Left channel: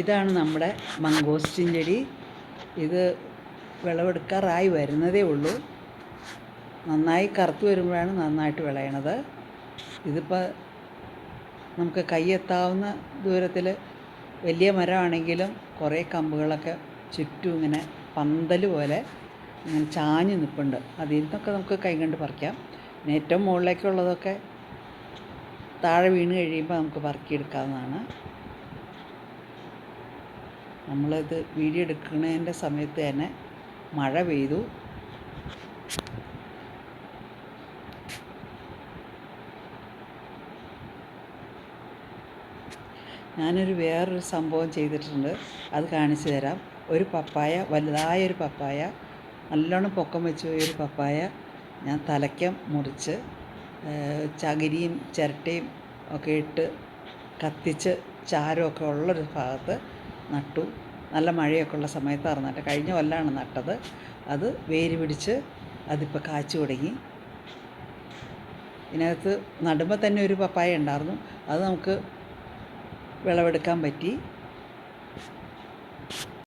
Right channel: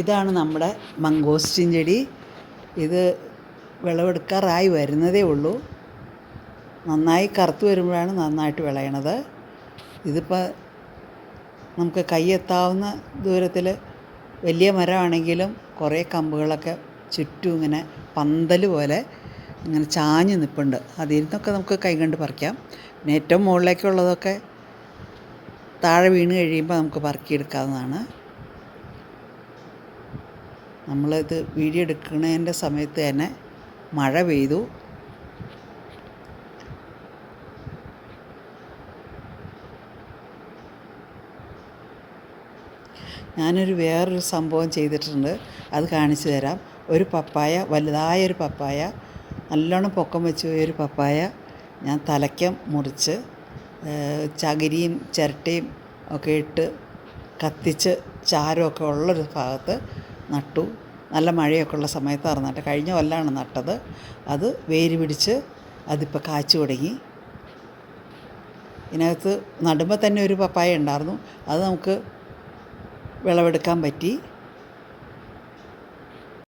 ഇതാണ് നമ്മുടെ മംഗോസ്റ്റിൻ ചെടി. ഇത് വിളവെടുക്കാറായി വരുന്നതേ ഉള്ളൂ. നന്നായി കറുത്ത് വരുമ്പോഴാണ് നന്നായിട്ട് വിളയണത്. ഇതിപ്പോൾ നമുക്ക് കൈയെത്താവുന്ന ദൂരത്തിൽ വലിയ മരമാണെങ്കിലും കുറേ കമ്പുകളൊക്കെ ചുറ്റും ഇങ്ങനെ പന്തൽ പോലെ ഇങ്ങനെ ചാഞ്ഞ് നിൽപ്പുണ്ട്. അതിൽ നിന്നൊക്കെ നമുക്ക് കൈ കൊണ്ട് പറിക്കാം. പിന്നെ ഏറ്റവും മുകളിലേക്കുള്ളതൊക്കെ താഴെ വീണ് കഴിയുമ്പോൾ നമുക്ക് പറക്കിയെടുക്കാവുന്നതാണ്. നമ്മളിത് വീഡിയോ എടുക്കുന്നതിൻ്റെ സമയത്ത് തന്നെ മഴ പെയ്തു. ഞാനൊരു വേറൊരു സംഭവം ചെയ്തിട്ടുണ്ട്, അത് കാണിച്ചു തരാം. ഒരു പപ്പായ, വലുതായൊരു പപ്പായ, നല്ലോണം പൊക്കം വെച്ച് പോയൊരു പപ്പായ ഞാൻ തലയ്ക്കം മുറിച്ച് ചകിരിയും ചിരട്ടയും ഒക്കെ ഇട്ട് കത്തിച്ച് ചാരമൊക്കെ ഉള്ളൊരു ഭാഗത്ത് നട്ടു. നല്ല മഴയൊക്കെ ഉള്ള സമയത്തായിരുന്നു നട്ടത്. കഴിഞ്ഞ കൊല്ലമാണ് നട്ടത്. അത് വേര് പിടിച്ച് അതിപ്പോൾ കാച്ചു തുടങ്ങി. ഇതിനകത്ത് നടുമ്പോൾ തന്നെ ഒരു പപ്പായ ഉണ്ടായിരുന്നു. അത് നമുക്ക് വിളവെടുക്കാൻ പറ്റി.